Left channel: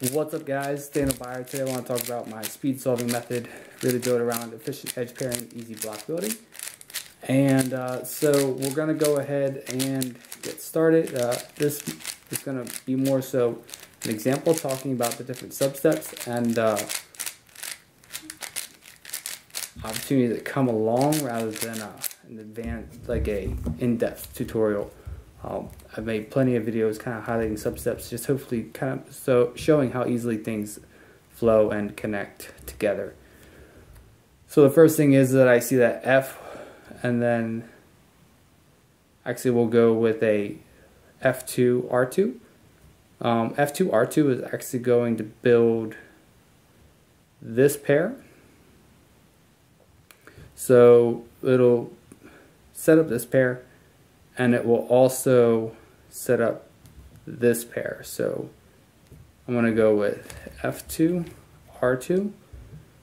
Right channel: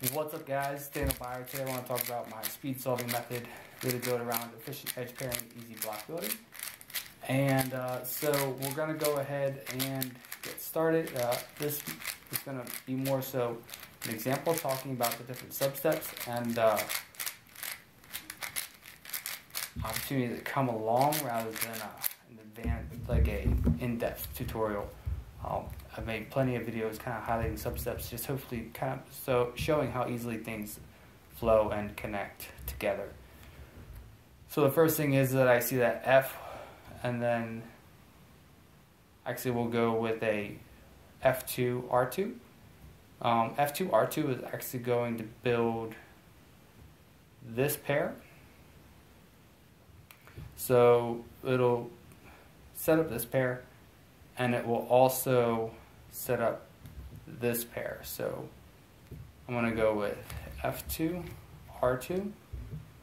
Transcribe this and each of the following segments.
What's up, guys? Daniel Byer. Today I want to talk about my speed solving method, really built around efficient edge pairing, easy block building. And so we're going to go ahead and get started. This is going to be more so an example talking about the different substeps and opportunity that come along rather than an advanced, like a in-depth tutorial. I've made plenty of videos kind of highlighting substeps, just hopefully kind of showing how easily things flow and connect together. So the first thing is that I see that F, and then actually we'll go with a F2 R2. F2 R2 is actually going to build this pair. So it'll set up this pair, and it will also set up this pair. So I'm going to go with F2 R2.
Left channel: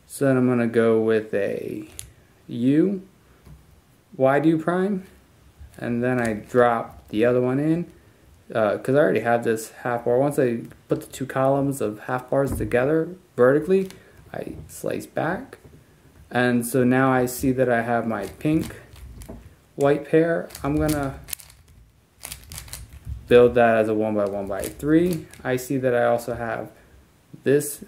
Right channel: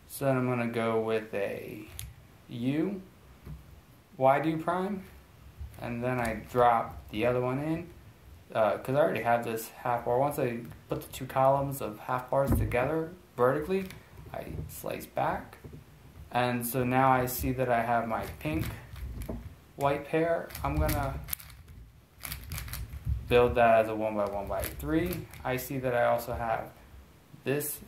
So then I'm going to go with a U Y2 prime, and then I drop the other one in because I already have this half bar. Once I put the two columns of half bars together vertically, I slice back, and so now I see that I have my pink white pair. I'm gonna build that as a 1x1x3. I see that I also have this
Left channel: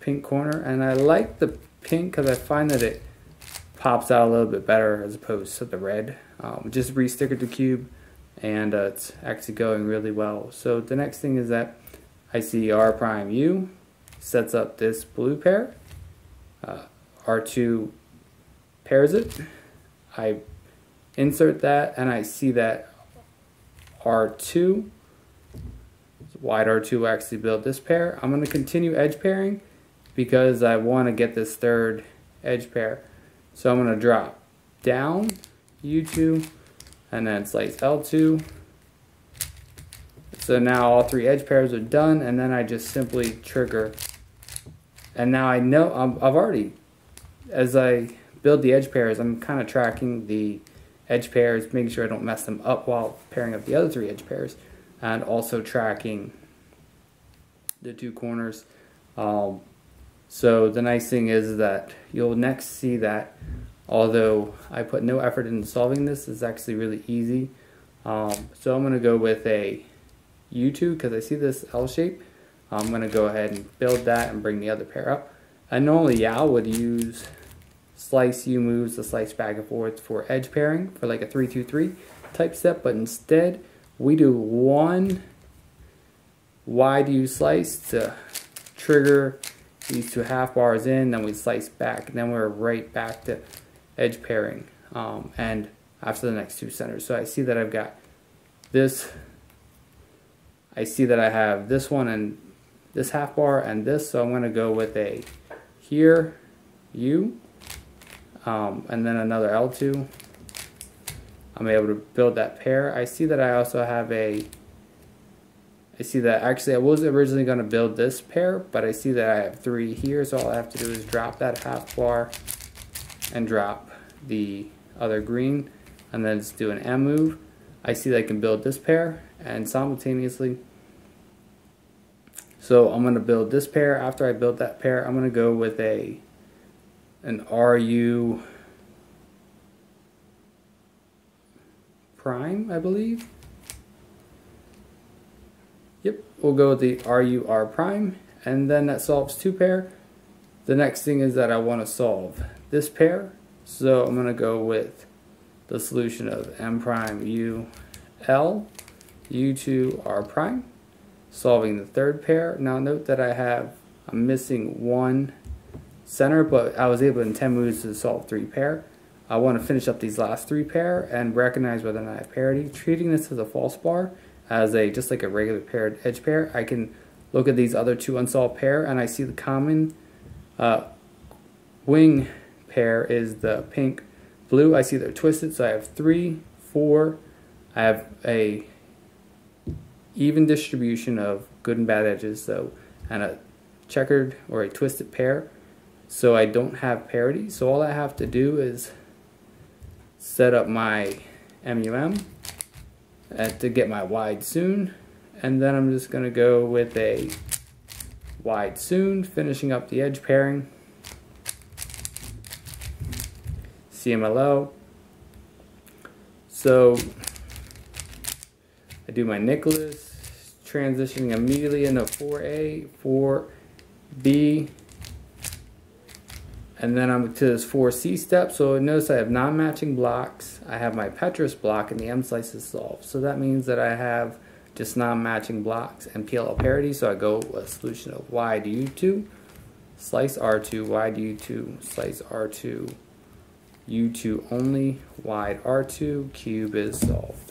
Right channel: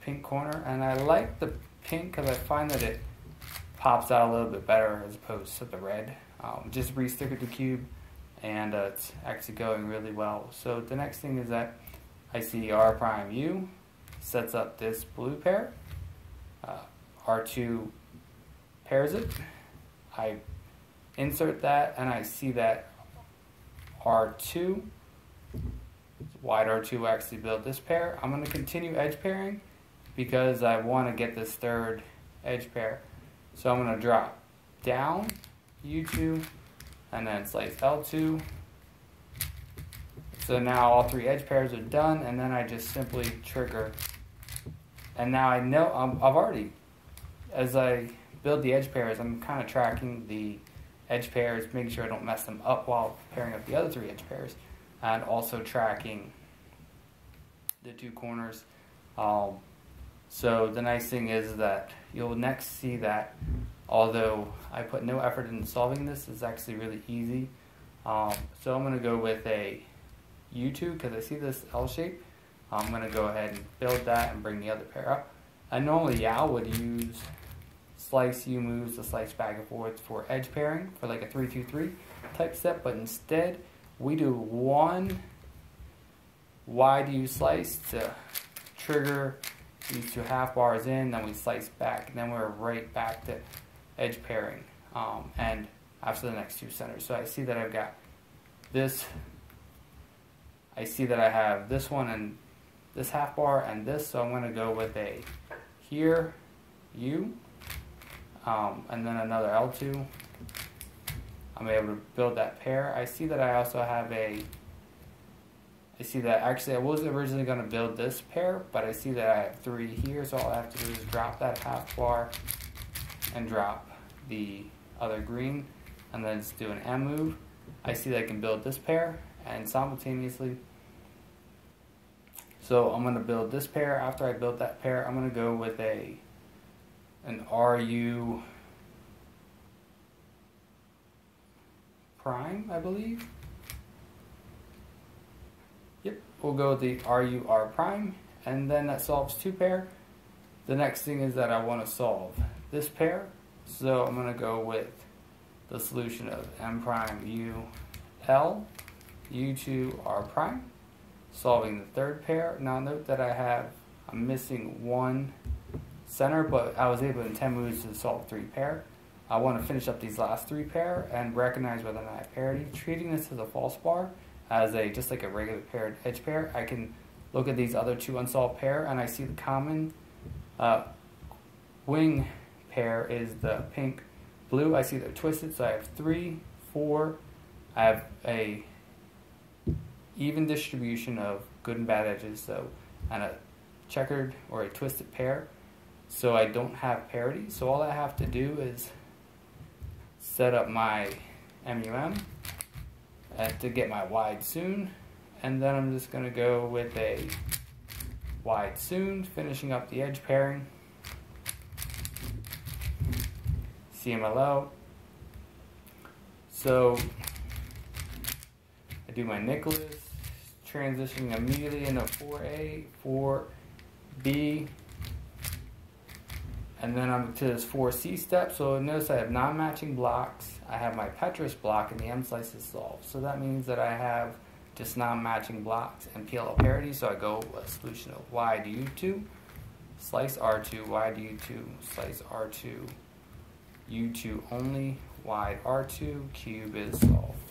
pink corner, and I like the pink because I find that it pops out a little bit better as opposed to the red. Just re-stick it to cube, and it's actually going really well. So the next thing is that I see R prime U sets up this blue pair. R2 pairs it. I insert that, and I see that R2, wide R2 will actually build this pair. I'm going to continue edge pairing because I want to get this third edge pair. So I'm going to drop down U2 and then slice L2. So now all three edge pairs are done, and then I just simply trigger. And now I know I've already, as I build the edge pairs, I'm kind of tracking the edge pairs, making sure I don't mess them up while pairing up the other three edge pairs, and also tracking the two corners. So the nice thing is that you'll next see that although I put no effort into solving this, it's actually really easy. So I'm going to go with a U2 because I see this L shape. I'm going to go ahead and build that and bring the other pair up. And normally Yao would use slice U moves to slice back and forth for edge pairing for like a 3-2-3 type step, but instead we do one wide U slice to trigger these two half bars in, then we slice back, and then we're right back to edge pairing and after the next two centers. So I see that I've got this, I see that I have this one and this half bar and this, so I'm going to go with a here U and then another L2. I'm able to build that pair. I see that I also have I see that actually I was originally going to build this pair, but I see that I have three here, so all I have to do is drop that half bar and drop the other green, and then just do an M move. I see that I can build this pair and simultaneously. So I'm going to build this pair. After I build that pair, I'm going to go with an RU prime, I believe. Yep, we'll go with the RUR prime, and then that solves two pair. The next thing is that I want to solve this pair, so I'm going to go with the solution of M prime U L U2 R prime, solving the third pair. Now note that I'm missing one center, but I was able in 10 moves to solve three pair. I want to finish up these last three pair and recognize whether or not I have parity. Treating this as a false bar, as just like a regular paired edge pair, I can look at these other two unsolved pair, and I see the common wing pair is the pink blue. I see they're twisted, so I have 3, 4. I have a even distribution of good and bad edges, so, and a checkered or a twisted pair, so I don't have parity. So all I have to do is set up my MUM to get my wide soon, and then I'm just going to go with a wide soon, finishing up the edge pairing. CMLO. So I do my Nicholas, transitioning immediately into 4A, 4B, and then I'm to this 4C step. So notice I have non-matching blocks. I have my Petrus block and the M slice is solved. So that means that I have just non-matching blocks and PLL parity. So I go with a solution of Y to U2, slice R2, Y to U2, slice R2, U2 only, wide R2, cube is solved.